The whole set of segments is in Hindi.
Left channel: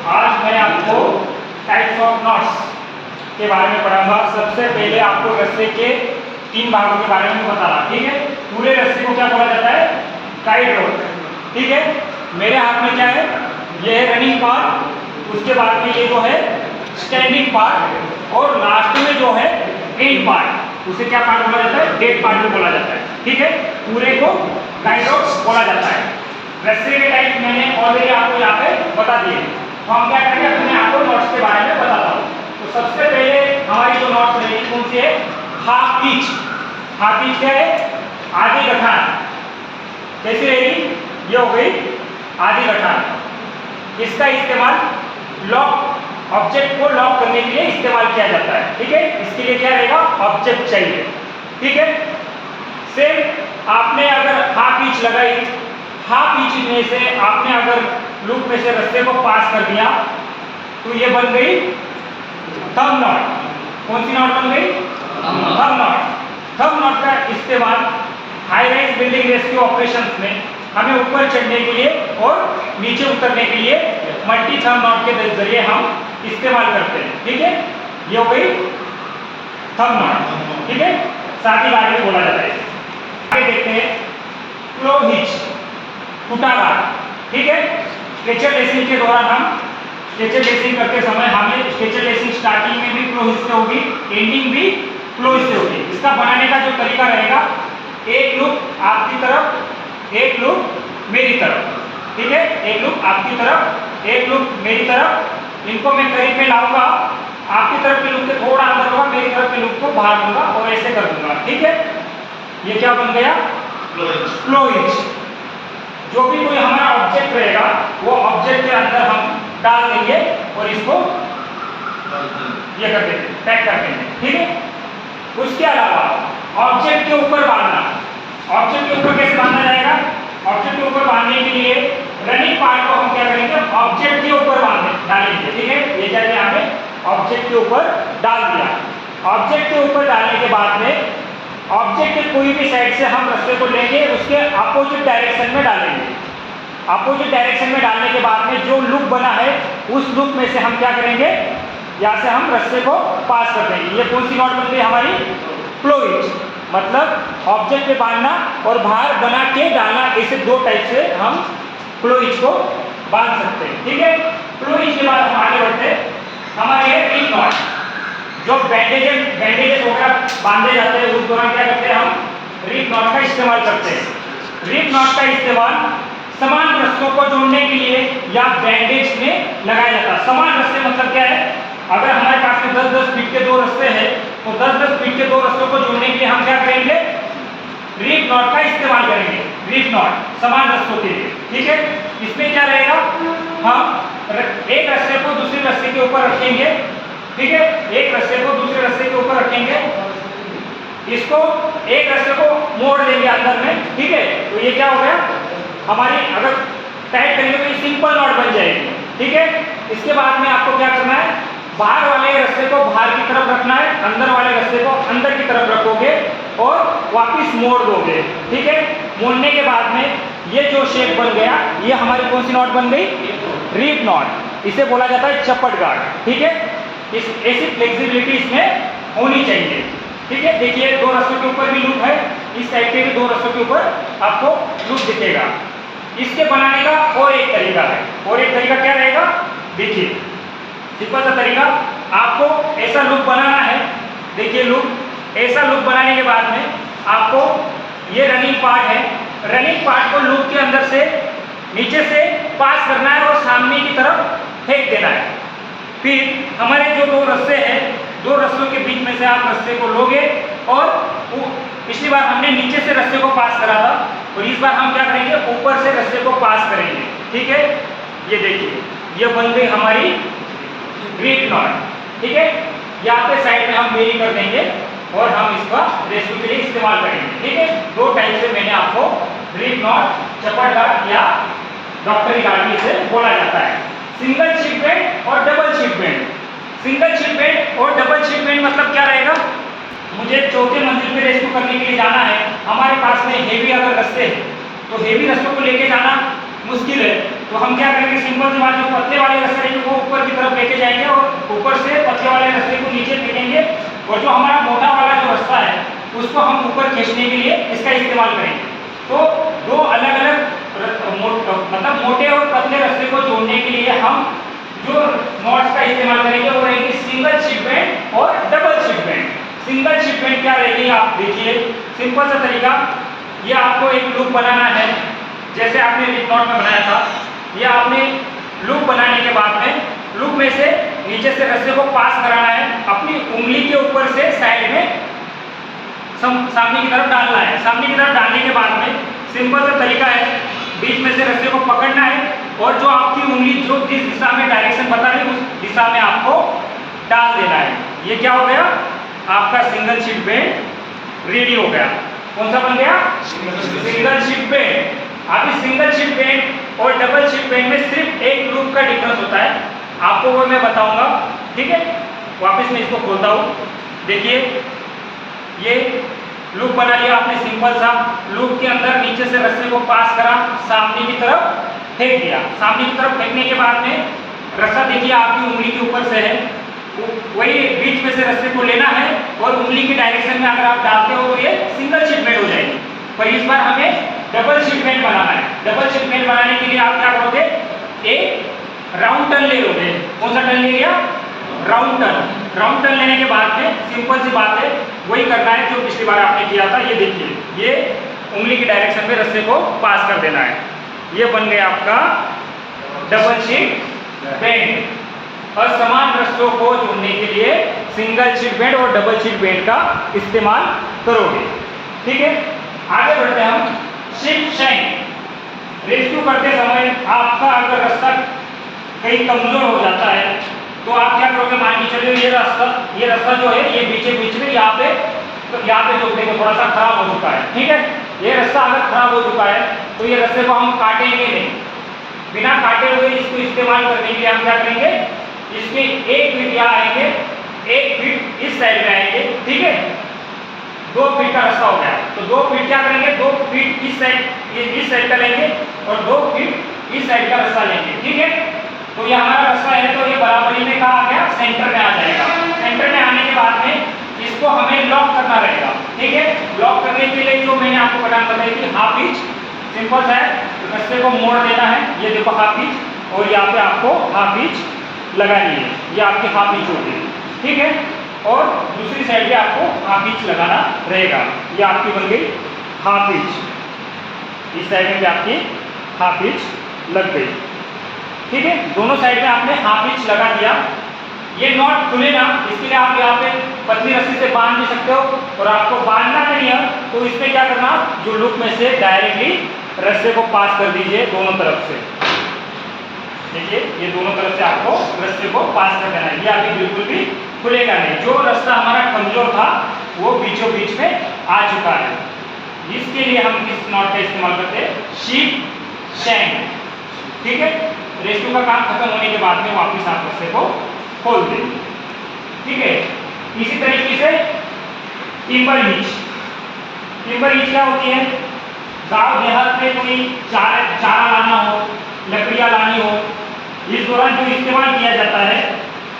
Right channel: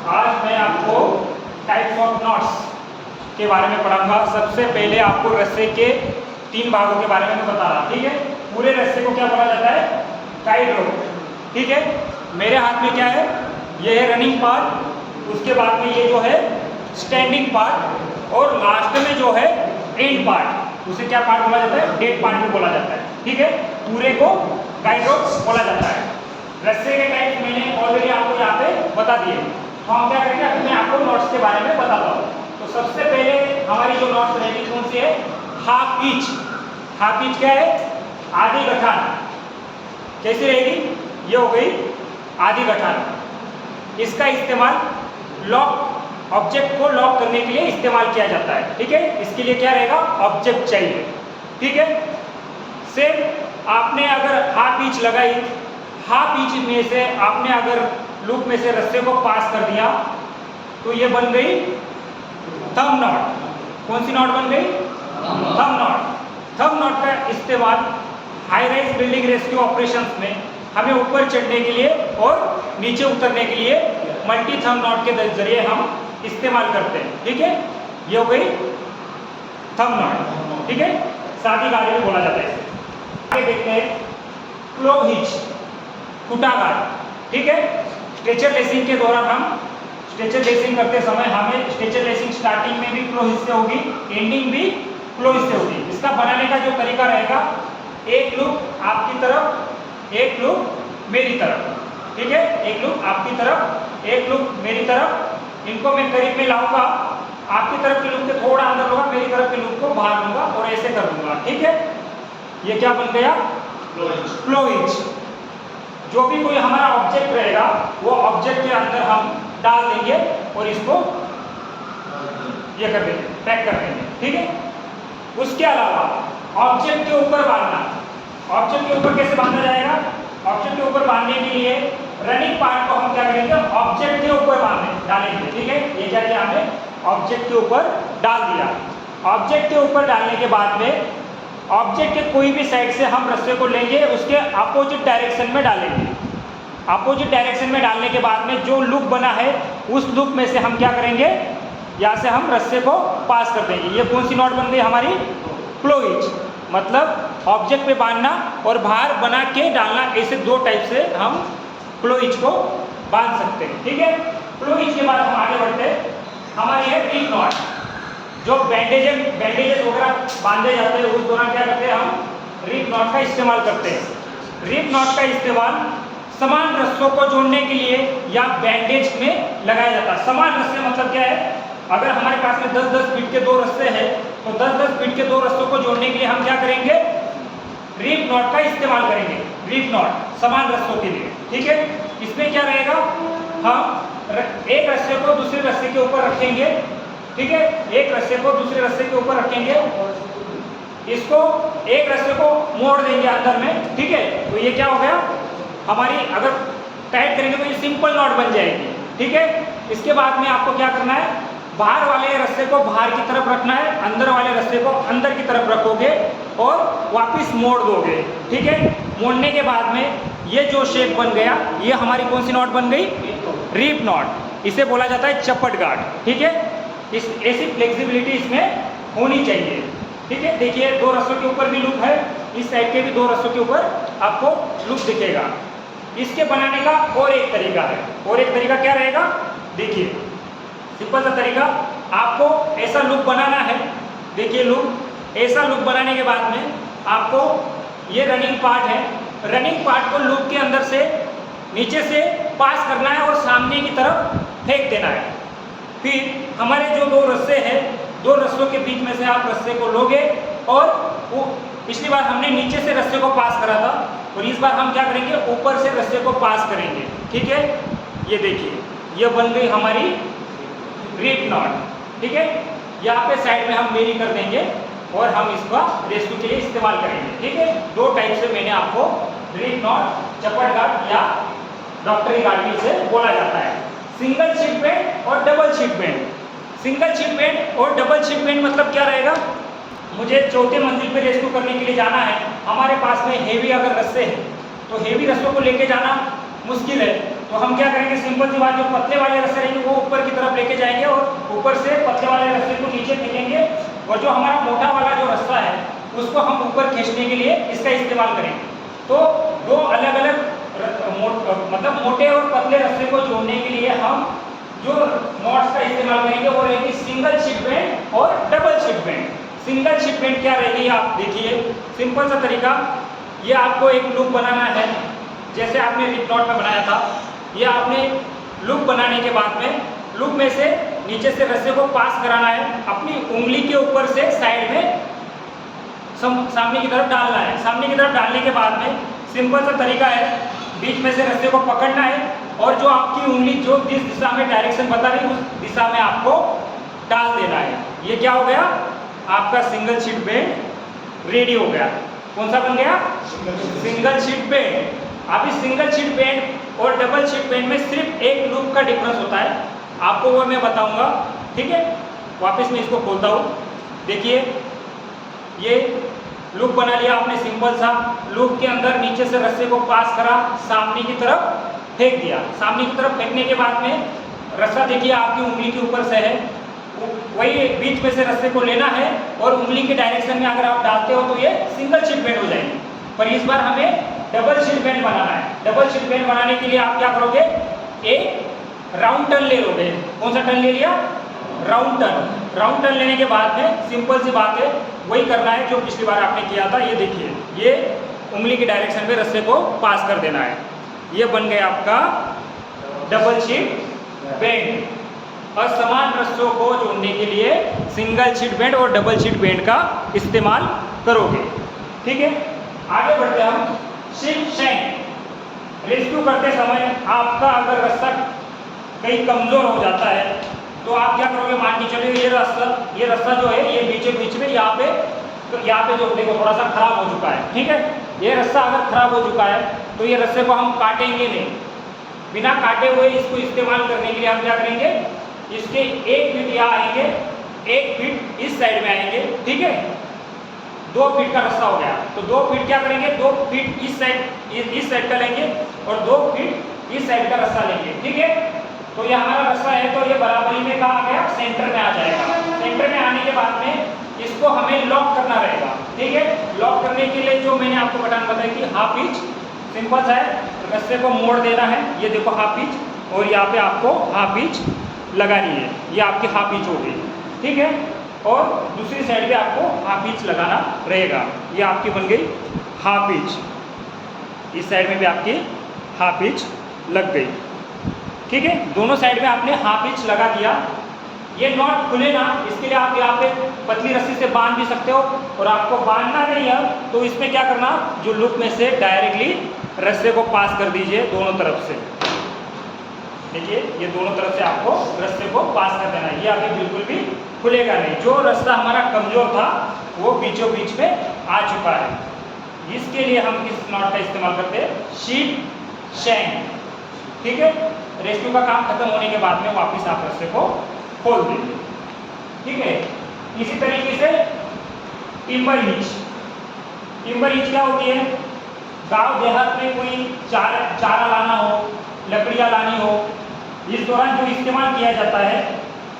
आज मैं आपको टाइप्स ऑफ नॉट्स के बारे में पढ़ाऊंगा। सबसे पहले आपको रस्से के 3 भागों के बारे में बता रहा, ठीक है। पूरे रस्से को क्या बोला जाता है? टाइट रोप, ठीक है। मेरे हाथ में क्या है? ये है रनिंग पार्ट, उसके बाद में ये जो है स्टैंडिंग पार्ट, और लास्ट में जो है एंड पार्ट, उसे क्या पार्ट बोला जाता है? डेड पार्ट भी बोला जाता है, ठीक है। पूरे को टाइट रोप बोला जाता है। रस्से के टाइप मैंने ऑलरेडी आपको यहाँ पे बता दिए, तो हम क्या करेंगे अपने आपको नॉट्स के बारे में बताता हूँ। तो सबसे पहले हमारी जो नॉट्स रहेगी कौन सी है? Half pitch. हाफ पिच क्या है? आधी गठान। कैसी रहेगी? ये हो गई आधी गठान। इसका इस्तेमाल लॉक ऑब्जेक्ट को लॉक करने के लिए इस्तेमाल किया जाता है, ठीक है। इसके लिए क्या रहेगा? ऑब्जेक्ट चाहिए, ठीक है। सेम आपने अगर हाफ पिच लगाई, हाफ पिच में से आपने अगर लूप में से रस्से को पास कर दिया तो ये बन गई थंब नॉट। कौन सी नॉट बन गई? Thumb not. थंब नॉट का इस्तेमाल high rise building rescue operations में हमें ऊपर चढ़ने के लिए और नीचे उतरने के लिए मल्टी थंब नॉट के जरिए हम इस्तेमाल करते हैं, ठीक है। ये हो गई थंब नॉट, ठीक है। साथ ही बारे में बोला जाता है। आगे देखते हैं क्लो हिच, फुटागा, ठीक है। स्ट्रेचर लेसिंग के दौरान हम स्ट्रेचर लेसिंग करते समय हमें स्ट्रेचर लेसिंग स्टार्टिंग में भी क्लो हिच से होगी, एंडिंग भी क्लो हिच से होगी। इसका बनाने का जो तरीका रहेगा, एक लूप आपकी तरफ, एक लूप मेरी तरफ, ठीक है। एक लूप आपकी तरफ, एक लूप मेरी तरफ। इनको मैं करीब में लाऊंगा, आपकी तरफ के लूप के थोड़ा अंदर होगा, मेरी तरफ के लूप को बाहर लूंगा और ऐसे कर दूंगा, ठीक है। ये क्या बन गया? क्लो हिच। जो भी कोई हमारा ऑब्जेक्ट रहेगा वो ऑब्जेक्ट के अंदर हम डाल देंगे और इसको ये कर देंगे, पैक कर देंगे, ठीक है। उसके अलावा ऑब्जेक्ट के ऊपर बांधना। ऑब्जेक्ट के ऊपर कैसे बांधा जाएगा? ऑब्जेक्ट के ऊपर बांधने के लिए रनिंग पार्ट को हम क्या करेंगे? ऑब्जेक्ट के ऊपर डालेंगे, ठीक है। ये क्या किया हमने? ऑब्जेक्ट के ऊपर डाल दिया। ऑब्जेक्ट के ऊपर डालने के बाद में ऑब्जेक्ट के कोई भी साइड से हम रस्से को लेंगे, उसके अपोजिट डायरेक्शन में डालेंगे। अपोजिट डायरेक्शन में डालने के बाद में जो लूप बना है उस लूप में से हम क्या करेंगे? यहाँ से हम रस्से को पास कर देंगे। ये कौन सी नॉट बन गई हमारी? क्लो हिच। मतलब ऑब्जेक्ट पे बांधना और बाहर बना के डालना, ऐसे 2 टाइप से हम क्लो हिच को बांध सकते हैं, ठीक है। क्लो हिच के बाद हम आगे बढ़ते हैं। हमारी है रिप नॉट। जो बैंडेजेस वगैरह बांधे जाते हैं उस दौरान क्या करते हैं? हम रिप नॉट का इस्तेमाल करते हैं। रिप नॉट का इस्तेमाल समान रस्सों को जोड़ने के लिए या बैंडेज में लगाया जाता है। समान रस्से मतलब क्या है? अगर हमारे पास में 10-10 फीट के 2 रस्से हैं तो 10-10 फीट के 2 रस्सों को जोड़ने के लिए हम क्या करेंगे? रिप नॉट का इस्तेमाल करेंगे। रिप नॉट समान रस्सों के लिए, ठीक है। इसमें क्या रहेगा? हम एक रस्से को दूसरे रस्से के ऊपर रखेंगे, ठीक है। एक रस्से को दूसरे रस्से के ऊपर रखेंगे, इसको एक रस्से को मोड़ देंगे अंदर में, ठीक है। तो ये क्या हो गया? हमारी अगर टाइट करेंगे तो ये सिंपल नॉट बन जाएगी, ठीक है। इसके बाद में आपको क्या करना है? बाहर वाले रस्से को बाहर की तरफ रखना है, अंदर वाले रस्से को अंदर की तरफ रखोगे और वापस मोड़ दोगे, ठीक है। मोड़ने के बाद में ये जो शेप बन गया, ये हमारी कौन सी नॉट बन गई? Reef knot. इसे बोला जाता है चपट गार्ड, ठीक है। इस ऐसी फ्लेक्सिबिलिटी इसमें होनी चाहिए, ठीक है। देखिए 2 रस्सों के ऊपर भी लूप है, इस साइड के भी 2 रस्सों के ऊपर आपको लूप दिखेगा। इसके बनाने का और एक तरीका है। और एक तरीका क्या रहेगा? देखिए सिंपल सा तरीका, आपको ऐसा लूप बनाना है। देखिए लूप, ऐसा लूप बनाने के बाद में आपको ये रनिंग पार्ट है, रनिंग पार्ट को लूप के अंदर से नीचे से पास करना है और सामने की तरफ फेंक देना है। फिर हमारे जो 2 रस्से हैं, 2 रस्सों के बीच में से आप रस्से को लोगे और पिछली बार हमने नीचे से रस्से को पास करा था और इस बार हम क्या करेंगे? ऊपर से रस्से को पास करेंगे, ठीक है। ये देखिए ये बन गई हमारी रिप नॉट, ठीक है। यहाँ पे साइड में हम मेरी कर देंगे और हम इसका रेस्क्यू के लिए इस्तेमाल करेंगे, ठीक है। 2 टाइप से मैंने आपको रिप नॉट, चपट गार्ड या डॉक्टरी गार्ड इसे बोला जाता है। सिंगल शिप बेंड और double ship bend. Single ship bend और डबल शिप बेंड मतलब क्या रहेगा? मुझे 4थे मंजिल पे रेस्क्यू करने के लिए जाना है, हमारे पास में हेवी अगर रस्से हैं तो हेवी रस्सों को लेके जाना मुश्किल है, तो हम क्या करेंगे, सिंपल सी बात, जो पतले वाले रस्से रहेंगे वो ऊपर की तरफ लेके जाएंगे और ऊपर से पतले वाले रस्से को नीचे फेंकेंगे, और जो हमारा मोटा वाला जो रस्सा है उसको हम ऊपर खींचने के लिए इसका इस्तेमाल करेंगे। तो दो अलग अलग मतलब मोटे और पतले रस्से को जोड़ने के लिए हम जो नॉट्स का इस्तेमाल करेंगे वो रहेगी सिंगल शीट बैंड और double sheet band. Single sheet band क्या रहेगी, आप देखिए सिंपल सा तरीका, ये आपको एक लूप बनाना है, जैसे आपने रिप नॉट में बनाया था। ये आपने लूप बनाने के बाद में लूप में से नीचे से रस्से को पास कराना है, अपनी उंगली के ऊपर से साइड में सामने की तरफ डालना है। सामने की तरफ डालने के बाद में सिंपल सा तरीका है, बीच में से रस्से को पकड़ना है और जो आपकी उंगली जो जिस दिशा में डायरेक्शन बता रही है उस दिशा में आपको डाल देना है। ये क्या हो गया, आपका सिंगल शीट बैंड रेडी हो गया। कौन सा बन गया, सिंगल शीट बैंड। अब इस सिंगल शीट बैंड और डबल शीट बैंड में सिर्फ एक लूप का डिफरेंस होता है, आपको वो मैं बताऊंगा, ठीक है। वापस मैं इसको खोलता हूँ, देखिए ये लूप बना लिया आपने सिंपल सा, लूप के अंदर नीचे से रस्से को पास करा, सामने की तरफ फेंक दिया। सामने की तरफ फेंकने के बाद में रस्सा देखिए आपकी उंगली के ऊपर से है, वही बीच में से रस्से को लेना है और उंगली के डायरेक्शन में अगर आप डालते हो तो ये सिंगल शीट बैंड हो जाएगी। पर इस बार हमें डबल शीट बैंड बनाना है। डबल शीट बैंड बनाने के लिए आप क्या करोगे, एक राउंड टर्न ले लोगे। कौन सा टर्न ले लिया, राउंड टर्न। राउंड टर्न लेने के बाद में सिंपल सी बात है, वही करना है जो पिछली बार आपने किया था। ये देखिए, ये उंगली के डायरेक्शन में रस्से को पास कर देना है। ये बन गया आपका डबल शीट बैंड। और समान रस्सों को जोड़ने के लिए सिंगल शीट बैंड और डबल शीट बैंड का इस्तेमाल करोगे, ठीक है। आगे बढ़ते हैं हम, शिप शैंक। रेस्क्यू करते समय आपका अगर रस्सा कहीं कमजोर हो जाता है तो आप क्या करोगे, मान के चलिए ये रस्सा जो है ये बीच में यहाँ पे जो देखो थोड़ा सा खराब हो चुका है, ठीक है। ये रस्सा अगर खराब हो चुका है तो ये रस्से को हम काटेंगे नहीं, बिना काटे हुए इसको इस्तेमाल करने के लिए हम क्या करेंगे, इसके एक फीट यहाँ आएंगे, एक फीट इस साइड में आएंगे, ठीक है। 2 फीट का रस्सा हो गया, तो 2 फीट क्या करेंगे, 2 फीट इस साइड का लेंगे और 2 फीट इस साइड का रस्सा लेंगे, ठीक है। तो ये हमारा रस्सा है तो ये बराबरी में कहाँ आ गया, सेंटर में आ जाएगा। सेंटर में आने के बाद में इसको हमें लॉक करना रहेगा, ठीक है। लॉक करने के लिए जो मैंने आपको बटन बताई थी, हाफ इंच, सिंपल सा है, रस्से को मोड़ देना है, ये देखो हाफ इंच, और यहाँ पे आपको हाफ इंच लगानी है, ये आपकी हाफ इंच हो गई, ठीक है। और दूसरी साइड पे आपको हाफ इंच लगाना रहेगा, ये आपकी बन गई हाफ इंच। इस साइड में भी आपकी हाफ इंच लग गई, ठीक है। दोनों साइड में आपने हाफ इंच लगा दिया। ये नॉट खुले ना, इसके लिए आप यहाँ पे पतली रस्सी से बांध भी सकते हो, और आपको बांधना नहीं है तो इसमें क्या करना, जो लूप में से डायरेक्टली रस्से को पास कर दीजिए दोनों तरफ से। देखिए ये दोनों तरफ से आपको रस्से को पास कर देना है, ये अभी बिल्कुल भी खुलेगा नहीं। जो रास्ता हमारा कमजोर था वो बीचों बीच में आ चुका है। इसके लिए हम इस नॉट का इस्तेमाल करते हैं, शीप शैंक, ठीक है। रेस्क्यू का काम खत्म होने के बाद में वापस आप रस्से को खोल देंगे, ठीक है। इसी तरीके से टिम्बर हिच। टिम्बर हिच क्या होती है, गांव देहात में कोई चारा लाना हो, लकड़ियाँ लानी हो, इस दौरान जो इस्तेमाल किया जाता है,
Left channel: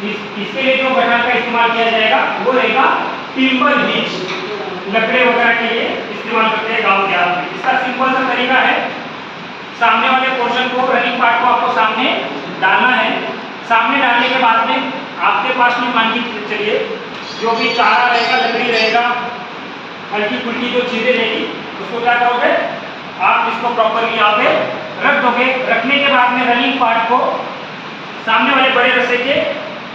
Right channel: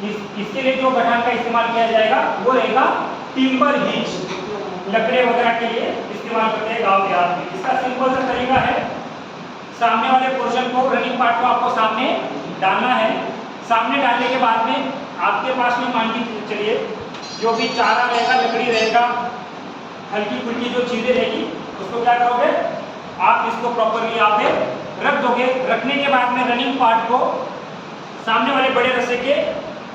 इसके लिए जो गठान का इस्तेमाल किया जाएगा वो रहेगा टिम्बर हिच। लकड़े वगैरह के लिए इस्तेमाल करते हैं गांव देहात में। इसका सिंपल सा तरीका है, सामने वाले पोर्शन को, रनिंग पार्ट को आपको सामने डालना है। सामने डालने के बाद में आपके पास में मान के चलिए जो भी चारा रहेगा, लकड़ी रहेगा, हल्की फुल्की जो चीज़ें रहेगी, उसको क्या करोगे, आप इसको प्रॉपरली यहाँ पे रख दोगे। रखने के बाद में रनिंग पार्ट को सामने वाले बड़े रस्से के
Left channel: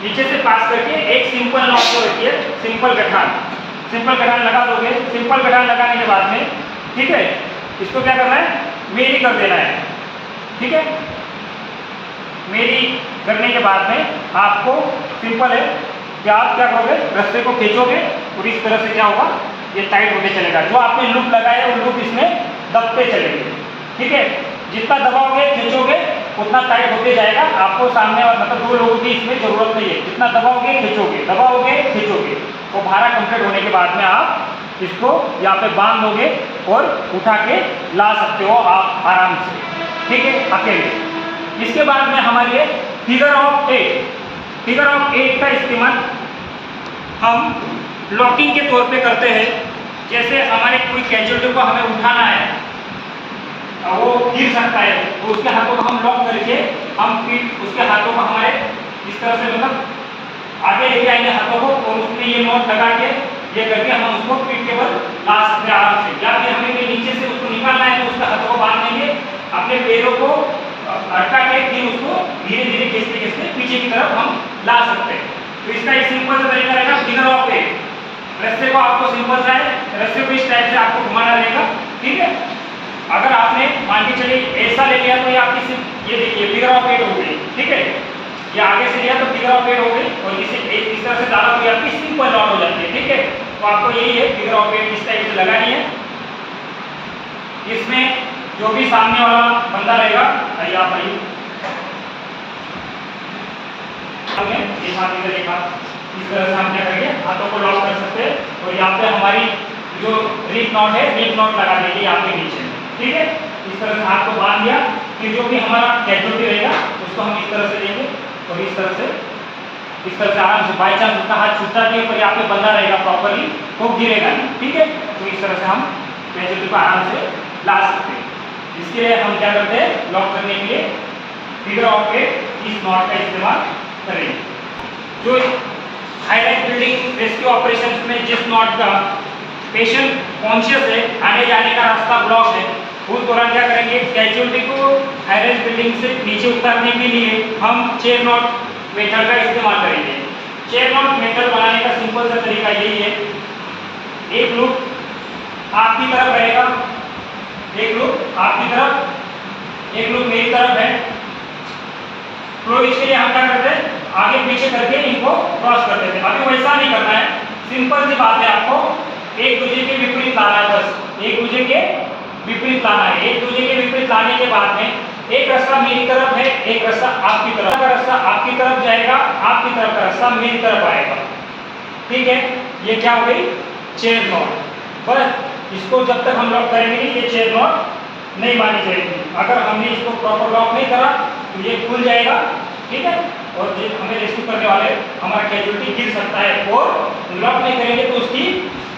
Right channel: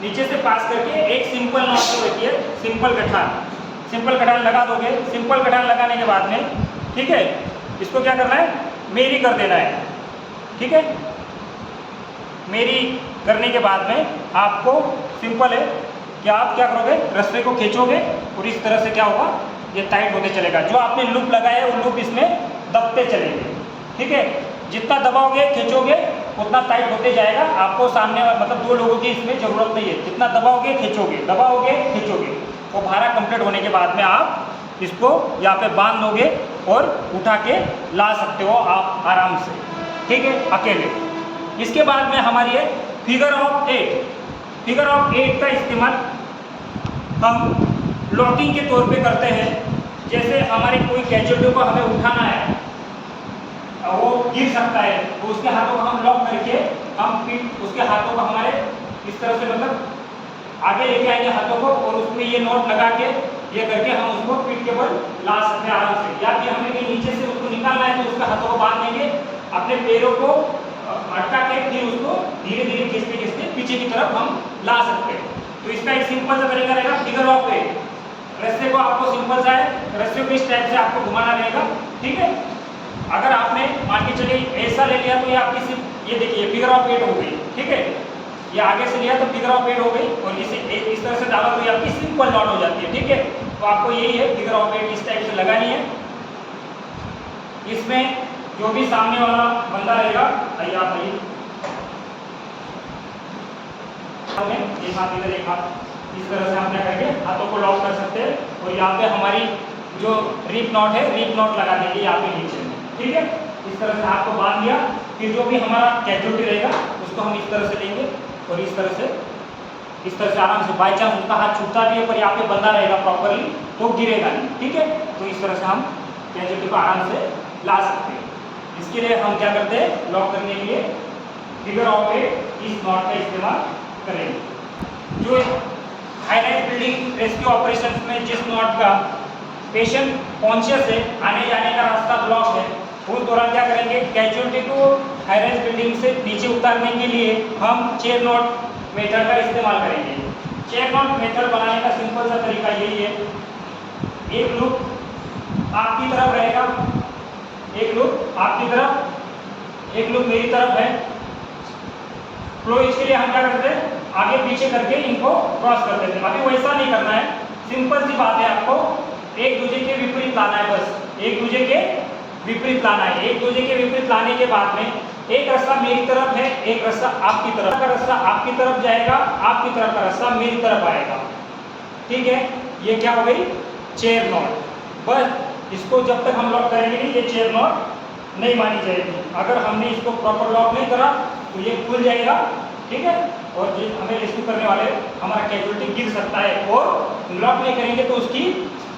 नीचे से पास करके एक सिंपल नॉट को रखिए, सिंपल गठान लगा दोगे। सिंपल गठान लगाने के बाद में, ठीक है, इसको क्या करना है, मेरी कर देना है, ठीक है। मेरी करने के बाद में आपको सिंपल है कि आप क्या करोगे, रस्से को खींचोगे और इस तरह से क्या होगा, ये टाइट होते चलेगा। जो आपने लूप लगाया है वो लूप इसमें दबते चलेंगे, ठीक है। जितना दबाओगे खींचोगे उतना टाइट होते जाएगा। आपको सामने मतलब 2 लोगों की इसमें जरूरत नहीं है, जितना दबाओगे खींचोगे, वो भारा कंप्लीट होने के बाद में आप इसको यहाँ पे बांध दोगे और उठा के ला सकते हो आप आराम से, ठीक है, अकेले। इसके बाद में हमारी है फिगर ऑफ 8। फिगर ऑफ 8 का इस्तेमाल हम लॉकिंग के तौर पे करते हैं। जैसे हमारे कोई कैजुअलिटी को हमें उठाना है, वो गिर सकता है, तो उसके हाथों को हम लॉक करके हम पीठ उसके हाथों को हमारे इस तरह से मतलब आगे लेके आएंगे हाथों को, और उसमें ये नॉट लगा के ये करके हम उसको पीठ के बल ला सकते हैं आराम से। या फिर हमें नीचे से उसको निकालना है तो उसके हाथों को बांध लेंगे, अपने पैरों को अटका के फिर उसको धीरे धीरे खींचते खींचते पीछे की तरफ हम ला सकते हैं। तो इसका एक सिंपल सा तरीका रहेगा फिगर ऑफ 8। रस्से को आपको सिंपल सा है, रस्से को इस टाइप से आपको घुमाना रहेगा, ठीक है। अगर आपने मान के चलिए ऐसा ले लिया तो ये आपकी सिर्फ ये देखिए फिगर ऑफ 8 हो गई, ठीक है। ये आगे से लिया तो फिगर ऑफ 8 हो गई, और इसे इस तरह से डाला तो ये आपकी सिंपल नॉट हो जाती है, ठीक है। तो आपको यही है फिगर ऑफ 8 इस टाइप से लगानी है। इसमें जो भी सामने वाला बंदा रहेगा, आइए आप आइए, एक हाथ इधर एक हाथ, इस तरह से हम क्या करेंगे हाथों को लॉक कर सकते हैं। और यहाँ पे हमारी जो रिप नॉट है, रिप नॉट लगा देंगे यहाँ पे नीचे, ठीक है। इस तरह से हाथ को बांध दिया, फिर जो भी हमारा कैजुअलिटी रहेगा उसको हम इस तरह से लेंगे और इस तरह से आराम से, बाई चांस उसका हाथ छूटता भी है पर यहाँ पे बंधा रहेगा प्रॉपरली, वो गिरेगा नहीं, ठीक है। तो इस तरह से हम कैजुअलिटी को आराम से ला सकते हैं। इसके लिए हम क्या करते हैं, लॉक करने के लिए फिगर ऑफ 8 इस नॉट का इस्तेमाल करेंगे। जो हाईलाइट बिल्डिंग रेस्क्यू ऑपरेशन में जिस नॉट का पेशेंट कॉन्शियस है, आने जाने का रास्ता ब्लॉक है, उस दौरान क्या करेंगे, कैजुअलिटी को हाईलाइट बिल्डिंग से नीचे उतारने के लिए हम चेयर नॉट मेथड का इस्तेमाल करेंगे। चेयर नॉट मेथड बनाने का सिंपल सा तरीका यही है, एक लूप आपकी तरफ रहेगा, एक लूप आपकी तरफ, एक लूप मेरी तरफ है। तो इसके लिए हम क्या करते हैं, आगे पीछे करके इनको क्रॉस कर देते हैं। अभी वैसा नहीं करना है, सिंपल सी बात है, आपको एक दूसरे के विपरीत लाना है, बस एक दूसरे के विपरीत लाना है। एक दूसरे के विपरीत लाने के बाद में एक रास्ता मेरी तरफ है, एक रास्ता आपकी तरफ का, रास्ता आपकी तरफ जाएगा, आपकी तरफ का रास्ता मेरी तरफ आएगा, ठीक है। ये क्या हो गई, चेयर नॉट। बस इसको जब तक हम लॉक करेंगे नहीं, ये चेयर नॉट नहीं मानी जाएगी। अगर हमने इसको प्रॉपर लॉक नहीं करा तो ये खुल जाएगा, ठीक है। और ये हमें रेस्क्यू करने वाले हमारा कैजुअलिटी गिर सकता है, और लॉक नहीं करेंगे तो उसकी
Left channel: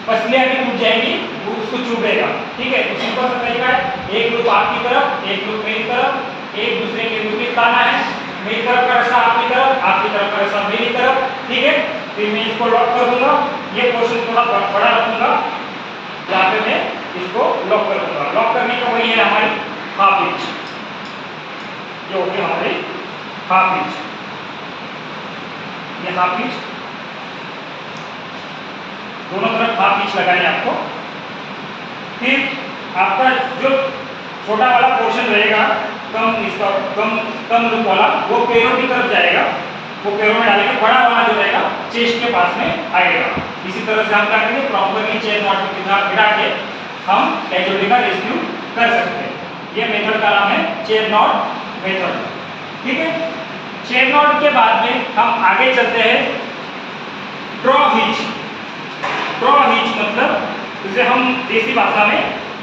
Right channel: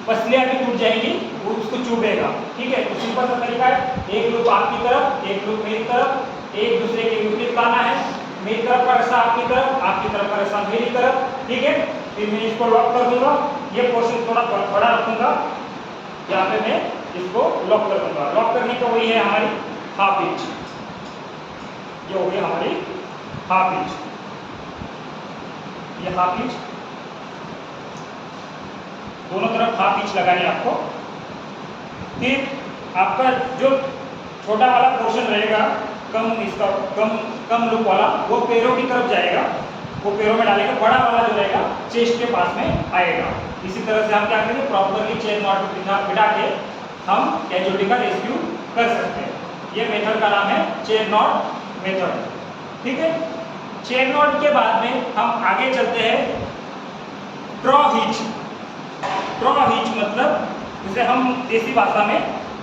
पसलियाँ भी टूट जाएंगी, वो उसको चुभेगा, ठीक है। तो सिंपल सा तरीका है, एक लूप आपकी तरफ, एक लूप मेरी तरफ, एक दूसरे के विपरीत लाना है, मेरी तरफ का रास्ता आपकी तरफ, आपकी तरफ का रास्ता मेरी तरफ, ठीक है। फिर मैं इसको लॉक कर दूंगा, ये पोर्शन थोड़ा बड़ा रखूंगा, यहाँ पे मैं इसको लॉक कर दूंगा। लॉक करने का वही है हमारी हाफ इंच, ये हो गई हमारी हाफ इंच, ये हाफ इंच, दोनों तरफ हाफ इंच लगानी है आपको। फिर आपका जो छोटा वाला पोर्शन रहेगा, कम लूप वाला, वो पैरों की तरफ जाएगा, वो पैरों में डालेंगे। बड़ा वाला जो रहेगा चेस्ट के पास में आएगा। इसी तरह से हम क्या करेंगे, प्रॉपरली चेयर नॉट को बिठा के हम कैजुअलिटी का रेस्क्यू कर सकते हैं। ये मेथड का नाम है चेयर नॉट मेथड, ठीक है। चेयर नॉट के बाद में हम आगे चलते हैं ड्रॉ हिच। ड्रॉ हिच मतलब जिसे हम देसी भाषा में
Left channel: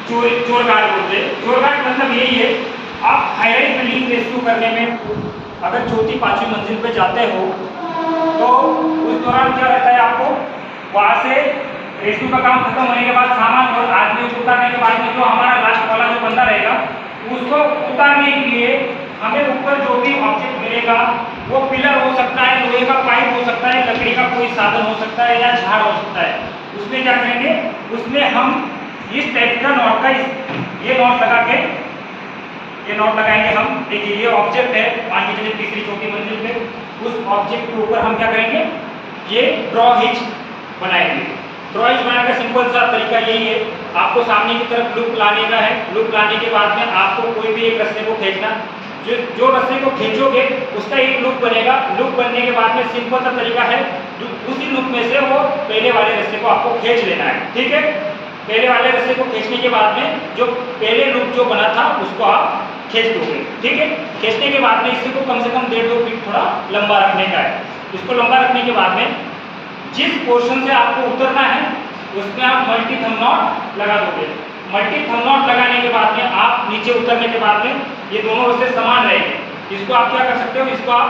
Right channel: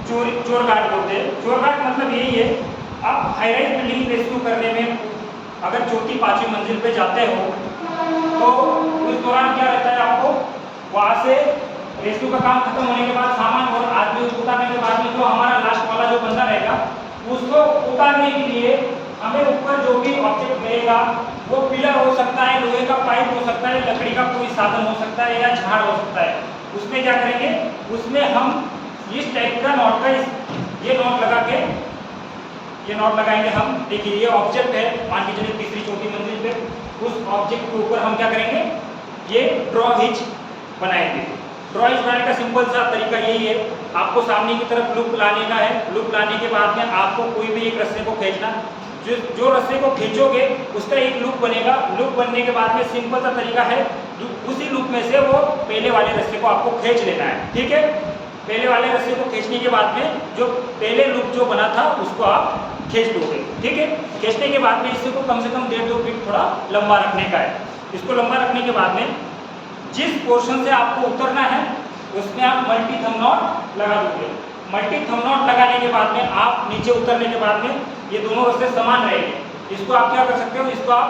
चोर गार्ड बोलते हैं। चोर गार्ड मतलब यही है, आप हाईराइज बिल्डिंग रेस्क्यू करने में अगर चौथी पांचवी मंजिल पे जाते हो तो उस दौरान क्या रहता है, आपको वहाँ से रेस्क्यू का काम खत्म होने के बाद सामान और आदमी उतारने के बाद में जो हमारा लास्ट वाला जो बंदा रहेगा, उसको उतारने के लिए हमें ऊपर जो भी ऑब्जेक्ट मिलेगा, वो पिलर हो सकता है, लोहे का पाइप हो सकता है, लकड़ी का कोई साधन हो सकता है, या झाड़ हो सकता है। उसमें क्या करेंगे, उसमें हम इस टाइप का नॉट का ये नॉट लगा के, ये नॉट लगाएंगे हम। देखिए ये ऑब्जेक्ट है, मान के चलिए तीसरी चौथी मंजिल पे, उस ऑब्जेक्ट के ऊपर हम क्या करेंगे, ये ड्रॉ हिच बनाएंगे। ड्रॉ हिच बनाने का सिंपल सा तरीका यही है, आपको सामने की तरफ लूप लाने का है। लूप लाने के बाद में आपको कोई भी एक रस्से को खींचना, जो रस्से को खींचोगे उसका एक लूप बनेगा। लूप बनने के बाद में सिंपल सा तरीका है, उसी लूप में से वो पहले वाले रस्से को आपको खींच लेना है, ठीक है। पहले वाले रस्से को खींचने के बाद में जो पहले लूप जो बना था उसको आप खींच दोगे, ठीक है। खींचने के बाद में इसी को कम से कम 1.5-2 फीट थोड़ा लंबा रखने का है। इसको लंबा रखने के बाद में जिस पोर्शन से आपको उतरना है उसमें आप मल्टी थंब नॉट लगा दोगे। मल्टी थंब नॉट लगाने के बाद में आप नीचे उतरने के बाद में ये दोनों रस्से समान रहेंगे। इसको आप क्या कर सकते हो, इसको आप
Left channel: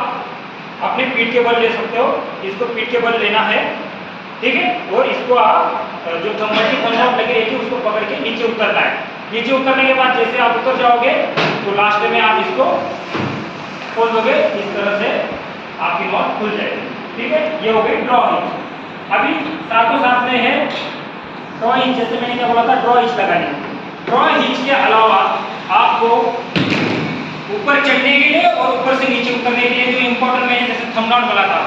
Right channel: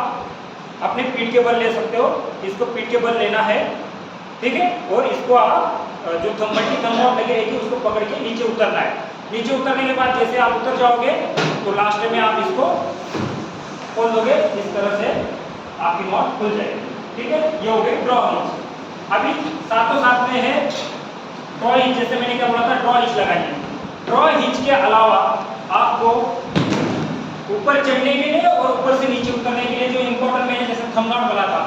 अपने पीठ के बल ले सकते हो, इसको पीठ के बल लेना है, ठीक है। और इसको आप जो मल्टी थंब नॉट लगी रहेगी उसको पकड़ के नीचे उतरना है। नीचे उतरने के बाद जैसे आप उतर जाओगे तो लास्ट में आप इसको खोल दोगे, इस तरह से आपकी नॉट खुल जाएगी, ठीक है। ये हो गई ड्रॉ हिंच। अभी साथों साथ में है ड्रॉ हिंच। जैसे मैंने क्या बोला था, ड्रॉ हिंच लगानी। ड्रॉ हिंच के अलावा आपको ऊपर चढ़ने के लिए और ऊपर से नीचे उतरने के लिए जो इंपॉर्टेंट मैंने जैसे थंब नॉट बोला था,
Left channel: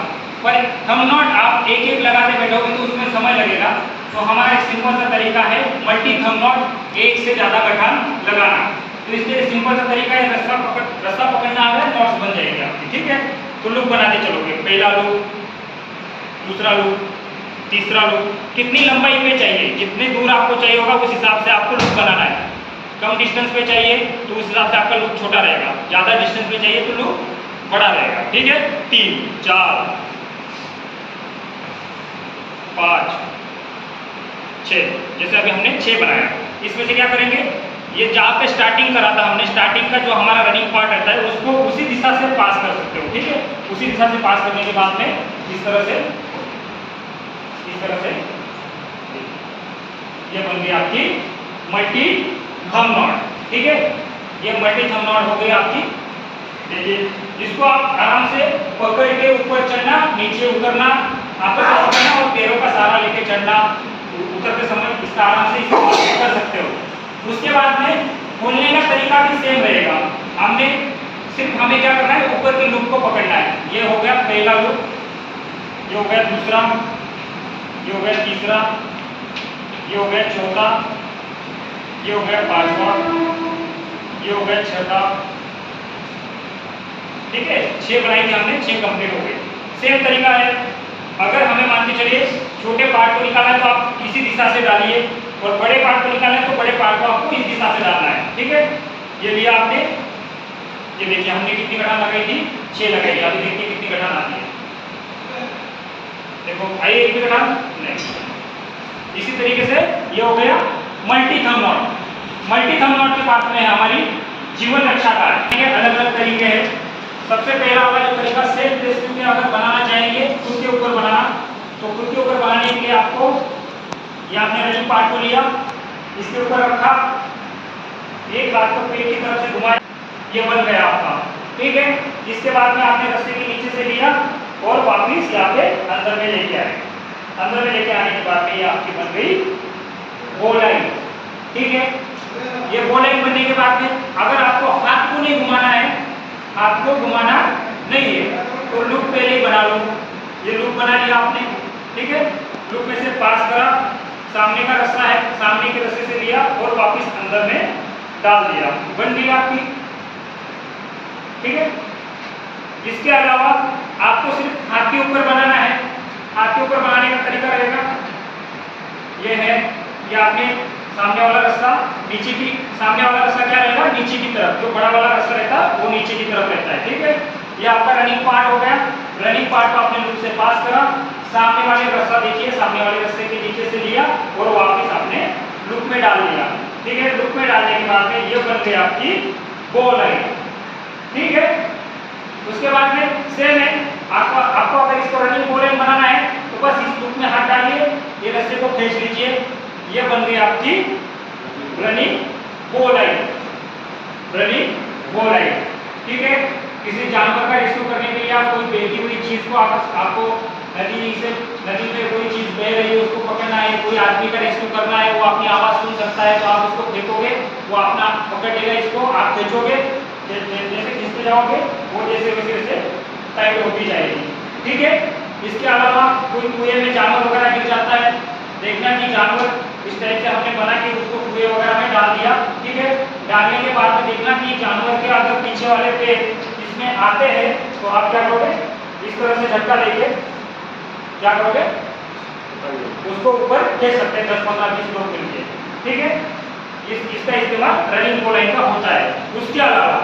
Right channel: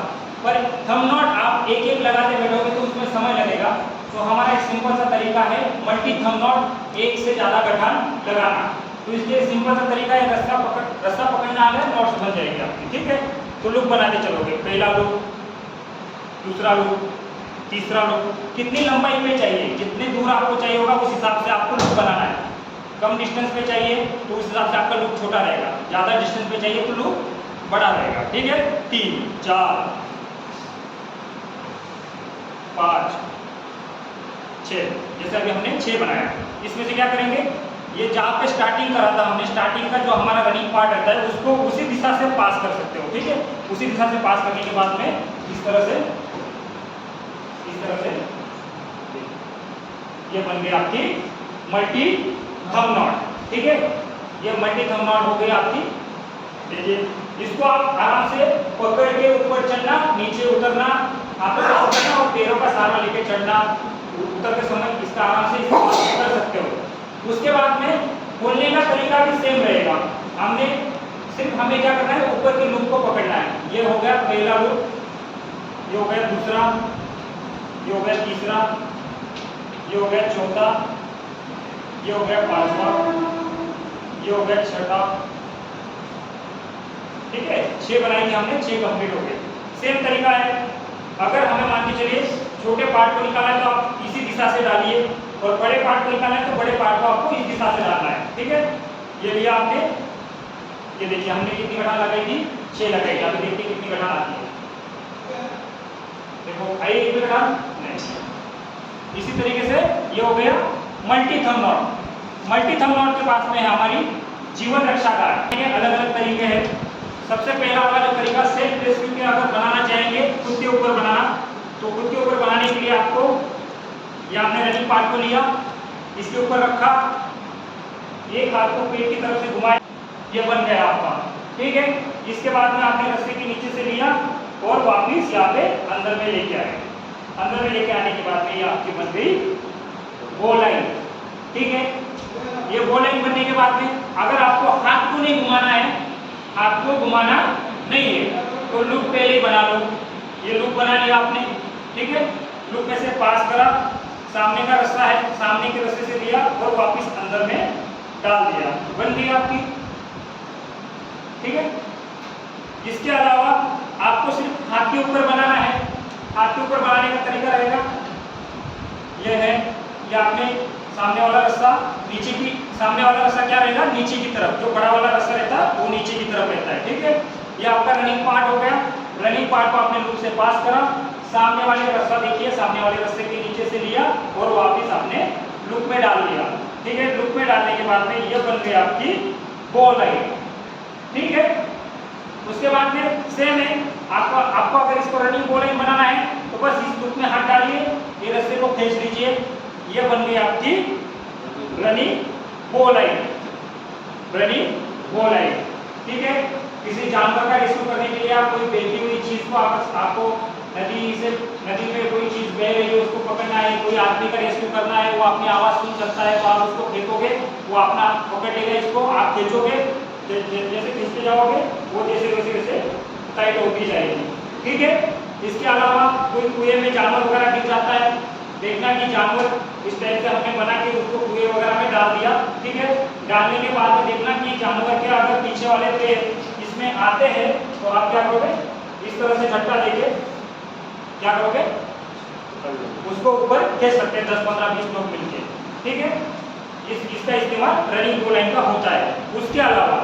पर थंब नॉट आप एक एक लगाते बैठोगे तो उसमें समय लगेगा। तो हमारा एक सिंपल सा तरीका है मल्टी थंब नॉट, एक से ज्यादा गठान लगाना। तो इसलिए सिंपल सा तरीका है, रस्सा पकड़ना आ गया, नॉट्स बन जाएंगे आपकी, ठीक है। तो लूप बनाते चलोगे, पहला लूप, दूसरा लूप, तीसरा लूप। कितनी लंबाई में चाहिए, जितने दूर आपको चाहिए होगा उस हिसाब से आपको लूप बनाना है। कम डिस्टेंस पे चाहिए तो उस हिसाब से आपका लूप छोटा रहेगा, ज़्यादा डिस्टेंस पे चाहिए तो लूप बड़ा रहेगा, ठीक है। 3 4 5 6, जैसे अभी हमने 6 बनाया। इसमें से क्या करेंगे, ये जहाँ पे स्टार्टिंग करा था हमने, स्टार्टिंग का जो हमारा रनिंग पार्ट रहता है उसको उसी दिशा से पास कर सकते हो, ठीक है। उसी दिशा से पास करने के बाद में इस तरह से ये बन गई आपकी मल्टी थंब नॉट, ठीक है। ये मल्टी थंब नॉट हो गई आपकी। देखिए इसको आप आराम से पकड़ के ऊपर चढ़ना, नीचे उतरना, हाथों से पकड़ना और पैरों का सहारा लेके चढ़ना, उतरते समय इसका आराम से इस्तेमाल कर सकते हो। उसके बाद में खोलने का तरीका भी सेम रहेगा। हमें क्या करना है, ऊपर के लूप को पकड़ना है। ये हो गया पहला लूप, ये हो गया दूसरा, ये हो गया तीसरा, ये हो गया चौथा, ये हो गया पांचवा, ये हो गया छठा, ठीक है। 6 बनाएंगे हमने, 6 कंप्लीट हो गए। सेम तरीका है, अगर हमें मान के चलिए छोटे पार्ट को निकालना है तो आप इसी दिशा से डालिए, और बड़े पार्ट को निकालना है तो बड़े पार्ट को आपको इस दिशा से डालना है, ठीक है। ये लिया आपने, ये देखिए हमने कितनी गठान लगाई थी, 6 लगाई। अभी देखिए कितनी गठान आती है, देखो आई एक भी गठान नहीं। इसी तरीके से ये हो गया multi thumb not. Multi thumb not के पास में है हमारी जीवन रक्षा कार्ड, अलग अलग तरीके हैं। सबसे पहला वाला जो तरीका सेल्फ रेस्क्यू में अगर बनाना चाहेंगे खुद के ऊपर बनाना, तो खुद के ऊपर बनाने के लिए आपको ये आपने रनिंग पार्ट को लिया, इसके ऊपर रखा, एक हाथ को पेट की तरफ से घुमाया, ये बन गया आपका, ठीक है। इसके बाद में आपने रस्सी के नीचे से लिया और वापिस यहाँ पे अंदर में लेके आए। अंदर में लेके आने के बाद में ये आपकी बन गई बो लाइन, ठीक है। ये बो लाइन बनने के बाद में अगर आपको हाथ को नहीं घुमाना है, हाथ को घुमाना नहीं है, तो लूप पहले ही बना लो। ये लूप बना लिया आपने, ठीक है। लूप में से पास करा, सामने का रास्ता है, सामने के रास्ते से लिया और वापस अंदर में डाल दिया, बन गई आपकी, ठीक है। इसके अलावा आपको सिर्फ हाथ के ऊपर बनाना है। हाथ के ऊपर बनाने का तरीका रहेगा ये है, ये आपने सामने वाला रास्ता नीचे की, सामने वाला रास्ता क्या रहेगा, नीचे की तरफ, जो बड़ा वाला रास्ता रहता है वो नीचे की तरफ रहता है, ठीक है। ये आपका रनिंग पार्ट हो गया। रनिंग पार्ट को आपने लूप से पास करा, सामने वाले रास्ता देखिए, सामने वाले रास्ते के नीचे से लिया और वापस आपने लूप में डाल दिया, ठीक है। लूप में डालने के बाद में ये बन गई आपकी बो लाइन, ठीक है। उसके बाद में सेम है, आपको अगर इसको रनिंग बो लाइन बनाना है तो बस इस लूप में हाथ डालिए, ये रास्ते को खींच लीजिए, ये बन गई आपकी रनिंग बो लाइन, रनिंग बो लाइन, ठीक है। किसी जानवर का रेस्क्यू करने के लिए आप कोई बहती हुई चीज को आपको नदी में कोई चीज बह रही है उसको पकड़ना है, कोई आदमी का रेस्क्यू करना है, वो अपनी आवाज सुन सकता है तो आप उसको फेंकोगे, वो अपना पकड़ लेगा, इसको आप खींचोगे, जैसे खींचते जाओगे वो जैसे वैसे टाइट होती जाएगी, ठीक है। इसके अलावा कोई कुएं में जानवर वगैरह गिर जाता है, देखना कि जानवर इस टाइप से हमने बना के उसको कुएं वगैरह में डाल दिया, ठीक है। डालने के बाद में देखना कि जानवर के अगर पीछे वाले पे इसमें आते हैं तो आप क्या करोगे, इस तरह से झटका देके क्या करोगे, उसको ऊपर खींच सकते हैं 10 15 20 लोग मिलके, ठीक है। इसका इस्तेमाल रनिंग बो लाइन का होता है। उसके अलावा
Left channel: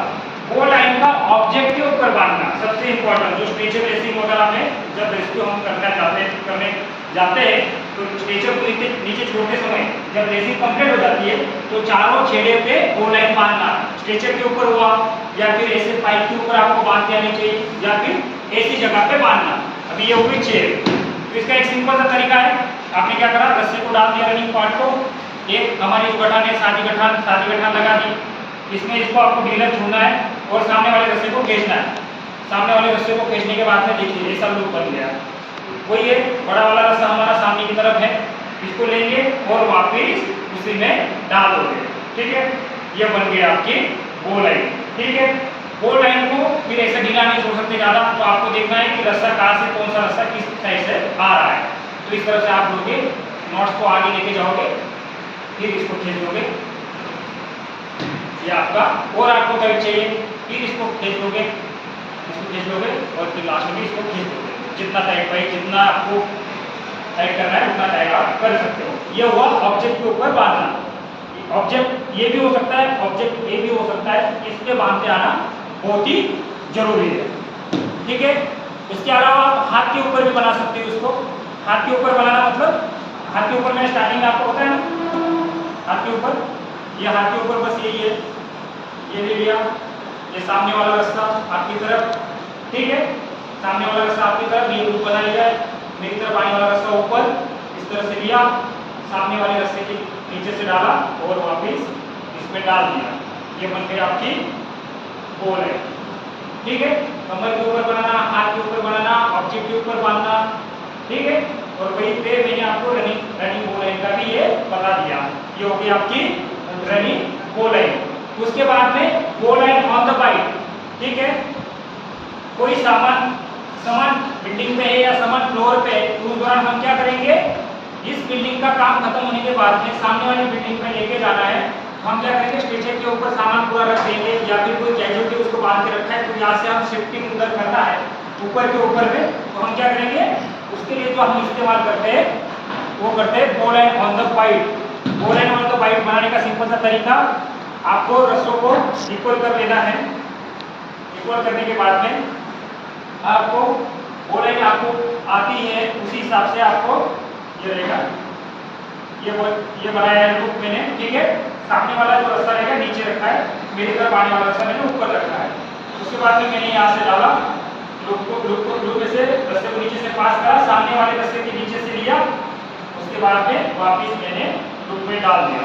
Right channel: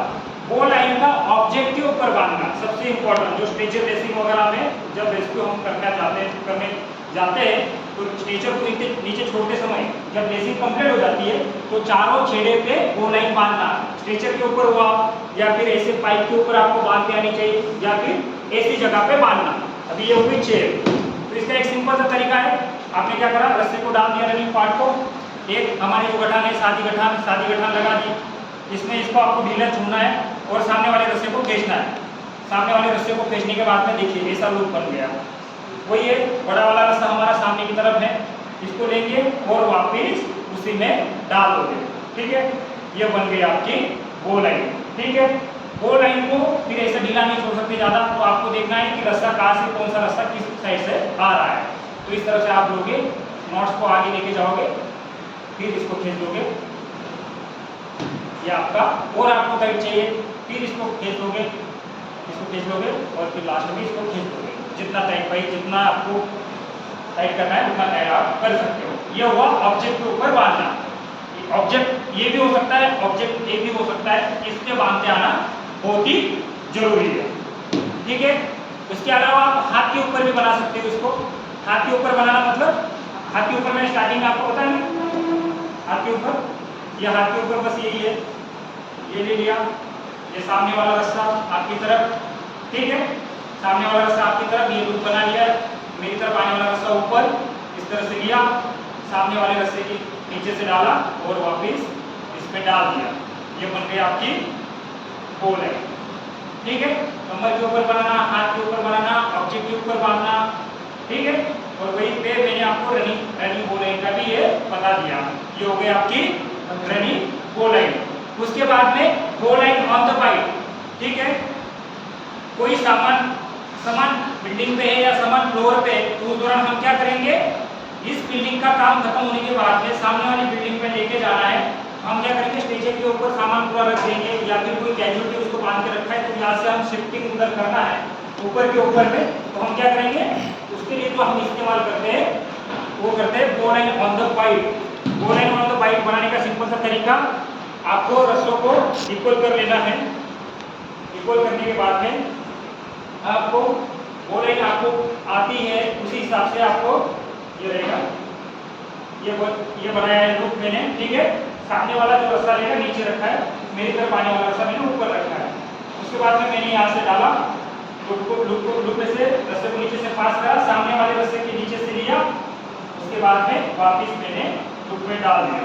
बो लाइन का ऑब्जेक्ट के ऊपर बांधना सबसे इंपॉर्टेंट, जो स्ट्रेचर रेसिंग वगैरह में जब रेस्क्यू हम करने जाते हैं तो स्ट्रेचर को नीचे छोड़ते समय जब रेसिंग कंप्लीट हो जाती है तो चारों छेड़े पे बो लाइन बांधना, स्ट्रेचर के ऊपर हुआ, या फिर ऐसे पाइप के ऊपर आपको बांध के आनी चाहिए, या फिर ऐसी जगह पे बांधना। अभी ये हो गई चेन। तो इसका एक सिंपल सा तरीका है, आपने क्या करा, रस्सी को डाल दिया रनिंग पार्ट को, एक हमारी जो गठान है सादी गठान लगा दी, इसमें इसको आपको ढीला छूना है और सामने वाले रस्से को खींचना है। सामने वाले रस्से को खींचने के बाद में देखिए ऐसा लूप बन गया। वही है, बड़ा वाला रस्सा हमारा सामने की तरफ है, इसको लेंगे और वापिस उसी में डाल दोगे। ठीक है, ये बन गई आपकी बो लाइन। ठीक है, बो लाइन को फिर ऐसे ढीला नहीं छोड़ सकते ज़्यादा, तो आपको देखना है कि रस्सा कहाँ से, कौन सा रस्सा किस साइड से आ रहा है। तो इस तरह से आप लोगे नॉट्स को आगे लेके जाओगे, फिर इसको खींच दोगे, ये आपका, और आपको कभी चाहिए फिर इसको खींच लोगे, और फिर लास्ट में इसको खींच दोगे। जितना टाइट भाई, जितना आपको टाइट करना है उतना टाइट आप कर सकते हो। ये हुआ ऑब्जेक्ट के ऊपर बांधना। ऑब्जेक्ट ये भी हो सकता है, ऑब्जेक्ट ये भी हो सकता है, इस पे बांधते आना बहुत ही जरूरी है। ठीक है, उसके अलावा आप हाथ के ऊपर भी बना सकते हो इसको। हाथ के ऊपर बनाना मतलब, हाथ के ऊपर मैं स्टार्टिंग आपको बताया ना, हाथ के ऊपर, ये हाथ के ऊपर बस यही है, ये ले लिया, ये सामने वाला रस्सा आपकी तरफ। ठीक है, सामने वाला रस्सा आपकी तरफ, ये लूप बना लिया, मेरी तरफ आने वाला रस्सा ऊपर इस तरह से लिया, सामने वाले रस्से के नीचे से डाला और वापस इसमें डाल दिया। ये बन गई आपकी बो लाइन। ठीक है, कमर के ऊपर बनाना, हाथ के ऊपर बनाना, ऑब्जेक्ट के ऊपर बांधना। ठीक है, और वहीं पे मैंने आपको रनिंग बो लाइन का भी ये बता दिया। ये हो गई आपकी रनिंग बो लाइन। उसके बाद में बो लाइन ऑन द बाइट। ठीक है, कोई सामान बिल्डिंग पे है या सामान फ्लोर पे है, तो उस दौरान हम क्या करेंगे, इस बिल्डिंग का काम खत्म होने के बाद में सामने वाली बिल्डिंग पे लेके जाना है, हम क्या करेंगे, स्टेशन के ऊपर सामान पूरा रख देंगे, या फिर कोई कैजुअलिटी उसको बांध के रखा है, तो यहाँ से हम शिफ्टिंग उधर करना है ऊपर के ऊपर में, तो हम क्या करेंगे, उसके लिए जो हम इस्तेमाल करते हैं वो करते हैं बो लाइन ऑन द बाइट। बो लाइन ऑन द बाइट बनाने का सिंपल सा तरीका, आपको रस्सों को इक्वल कर लेना है। इक्वल करने के बाद में आपको बो लाइन आपको आती है, उसी हिसाब से आपको ये रहेगा, ये बनाया है लूप मैंने। ठीक है, सामने वाला जो रस्सा रहेगा नीचे रखा है, मेरी तरफ आने वाला रस्सा मैंने ऊपर रखा है। उसके बाद में मैंने यहाँ से डाला लूप में से रस्से को नीचे से पास करा, सामने वाले रस्से के नीचे से लिया, उसके बाद में वापिस मैंने लूप में डाल दिया।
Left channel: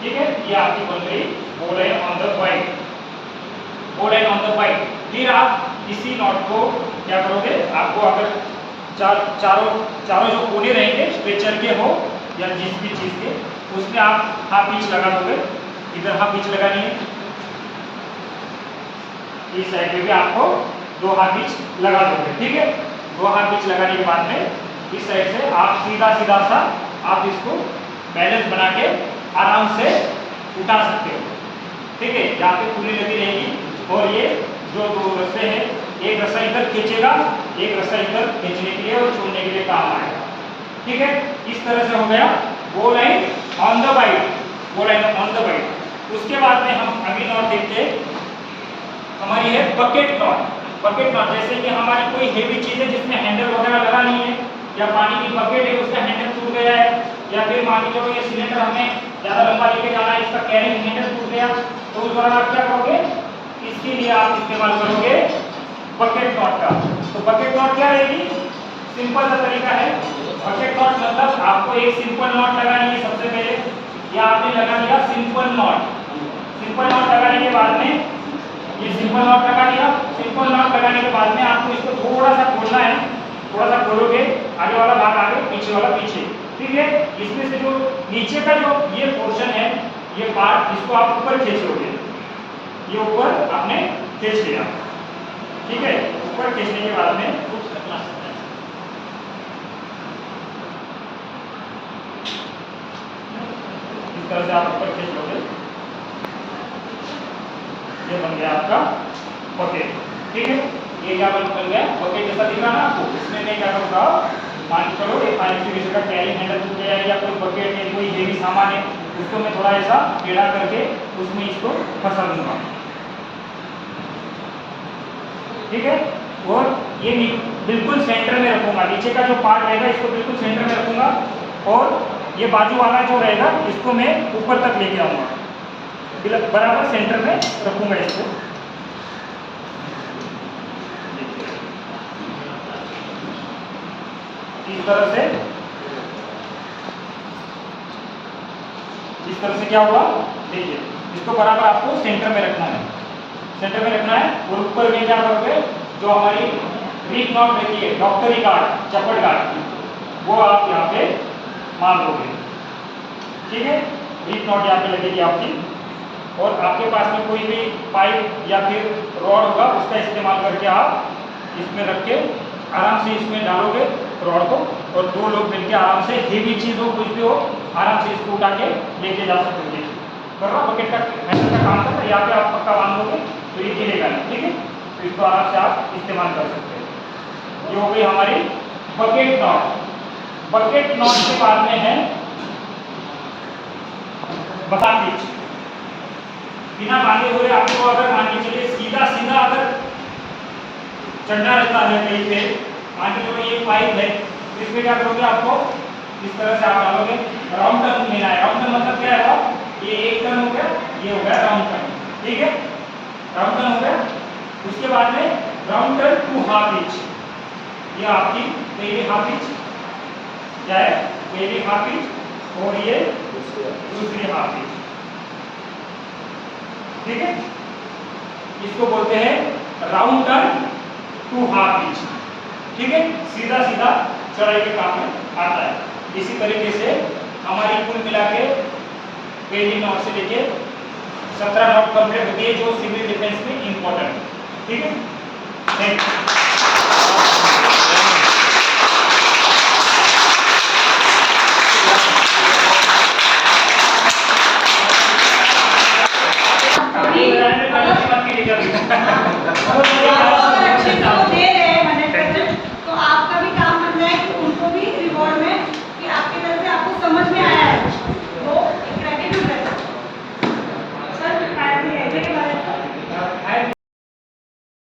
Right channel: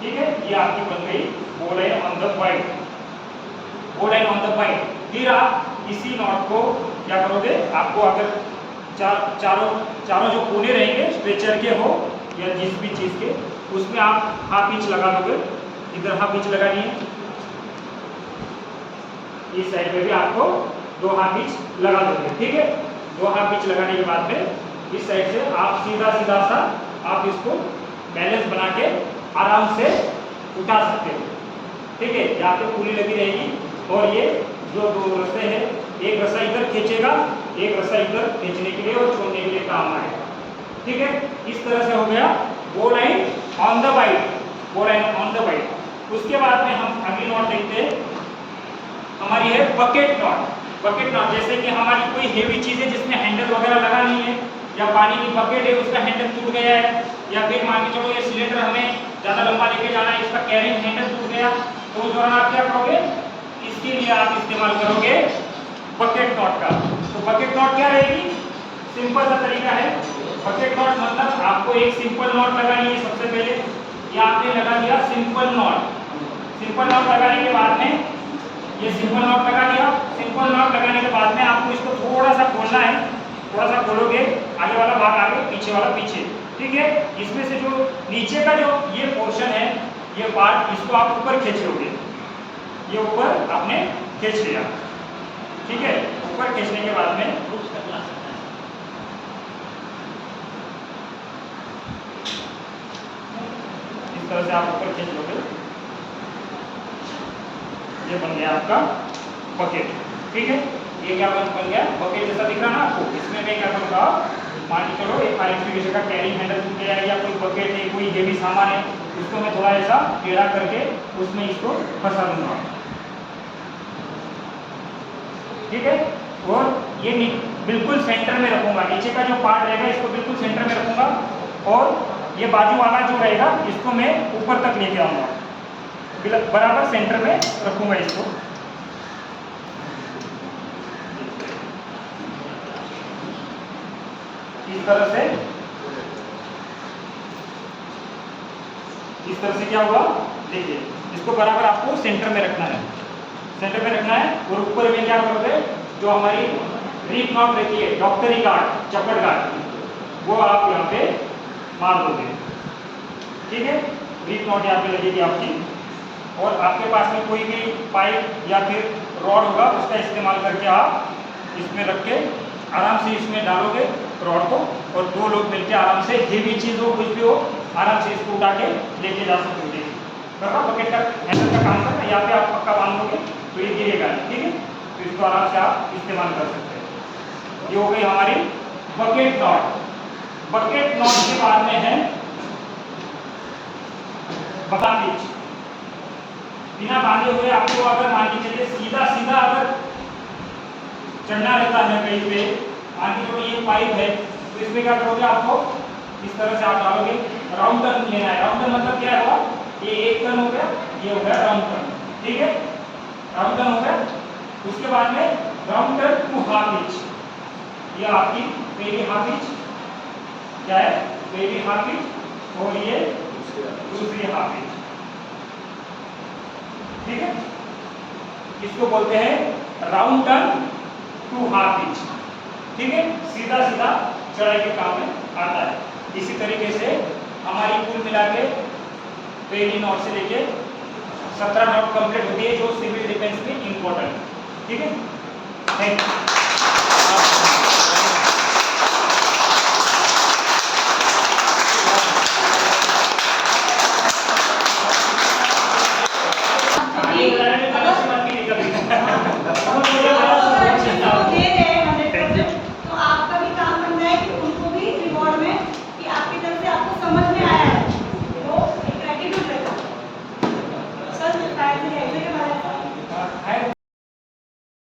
ठीक है, ये आपकी बन गई बो लाइन ऑन द बाइट। बो लाइन ऑन द बाइट। फिर आप इसी नॉट को क्या करोगे, आपको अगर चारों जो कोने रहेंगे स्ट्रेचर के हो या जिस भी चीज के, उसमें आप हाफ इंच लगा दोगे। इधर हाफ इंच लगानी है, इस साइड में भी आपको 2 हाफ इंच लगा दोगे। ठीक है, 2 हाफ इंच लगाने के बाद में इस साइड से आप सीधा सा आप इसको बैलेंस बना के आराम से उठा सकते हो। ठीक है, जहाँ पे पुली लगी रहेगी, और ये जो 2 रस्से हैं, एक रस्सा इधर खींचेगा, एक रस्सा इधर खींचने के लिए और छोड़ने के लिए काम आएगा। ठीक है, इस तरह से हो गया बो लाइन ऑन द बाइट। बो लाइन ऑन द बाइट। उसके बाद में हम अगली नॉट देखते हैं, हमारी है बकेट नॉट। बकेट नॉट, जैसे कि हमारी कोई हेवी चीज है जिसमें हैंडल वगैरह लगा नहीं है, या पानी की बकेट है उसका हैंडल टूट गया है, या फिर मान के चलो ये सिलेंडर हमें ज़्यादा लंबा लेके जाना है, इसका कैरिंग हैंडल टूट गया, तो उस दौरान आप क्या करोगे, इसके लिए आप इस्तेमाल करोगे बकेट नॉट का। तो बकेट नॉट क्या रहेगी, सिंपल सा तरीका है। बकेट नॉट मतलब आपको एक सिंपल नॉट लगानी है। सबसे पहले ये आपने लगा दिया सिंपल नॉट। सिंपल नॉट लगाने के बाद में ये सिंपल नॉट लगा दिया। सिंपल नॉट लगाने के बाद में आपको इसको थोड़ा सा खोलना है। थोड़ा सा खोलोगे, आगे वाला भाग आगे, पीछे वाला पीछे। ठीक है, इसमें से जो नीचे का जो ये पोर्शन है, ये पार्ट, इसको आप ऊपर खींच लोगे। ये ऊपर आपने खींच लिया। ठीक है, ऊपर खींचने के बाद में इस तरह से आप ऊपर खींच लोगे। ये बन गया आपका बकेट। ठीक है, ये क्या बन गया, बकेट जैसा दिख रहा ना आपको। इसमें मैं क्या करूँगा, मान के चलो एक फायर एक्सटिंग्विशर का कैरिंग हैंडल टूट गया है, या कोई बकेट है, कोई हेवी सामान है, उसको मैं थोड़ा ऐसा टेढ़ा करके उसमें इसको फंसा दूंगा। ठीक है, और ये बिल्कुल सेंटर में रखूंगा। नीचे का जो पार्ट रहेगा इसको बिल्कुल सेंटर में रखूंगा, और ये बाजू वाला जो रहेगा इसको मैं ऊपर तक लेके आऊँगा, बराबर सेंटर में रखूँगा इसको। इस तरह से क्या हुआ, देखिए इसको बराबर आपको सेंटर में रखना है, सेंटर में रखना है। और ऊपर में क्या करोगे, जो हमारी रीट नॉट रहती है, डॉक्टरी गार्ड, चपट गार्ड, वो आप यहाँ पे मान दोगे, ठीक है। रीट नॉट यहाँ पे लगेगी आपकी, और आपके पास में कोई भी पाइप या फिर रॉड होगा उसका इस्तेमाल करके आप इसमें रख के आराम से इसमें डालोगे रॉड को, और दो लोग मिलकर आराम से, हेवी चीज़ हो कुछ भी हो, आराम से इसको उठा के लेके जा सकते हो। देखिए कर रहा, बकेट का हैंडल का काम करना, यहाँ पे आप पक्का बांध दोगे तो ये गिरेगा नहीं, ठीक है। तो इसको आराम से आप इस्तेमाल कर सकते हैं। ये हो गई हमारी बकेट नॉट। बकेट नॉट के बाद में है बांधेज। बिना बांधे हुए आपको अगर मान के चलिए सीधा सीधा अगर चढ़ना रहता है कहीं पे, मान के चलो ये पाइप है, तो इसमें क्या करोगे, आपको इस तरह से आप डालोगे, राउंड टर्न लेना है। राउंड टर्न मतलब क्या है, ये एक टर्न हो गया, ये हो गया राउंड टर्न, ठीक है, राउंड टर्न हो गया। उसके बाद में round turn two half hitch, ये आपकी पहली हाफ इंच जाए, पहली हाफ इंच, और ये दूसरी हाफ इंच, ठीक है। इसको बोलते हैं round turn two half hitch, ठीक है। सीधा सीधा चढ़ाई के काम में आता है। इसी तरीके से हमारी कुल मिला के पहली नॉट से लेके 17 नॉट कंप्लीट होती है, जो सिविल डिफेंस में इंपॉर्टेंट, ठीक है। Thank you.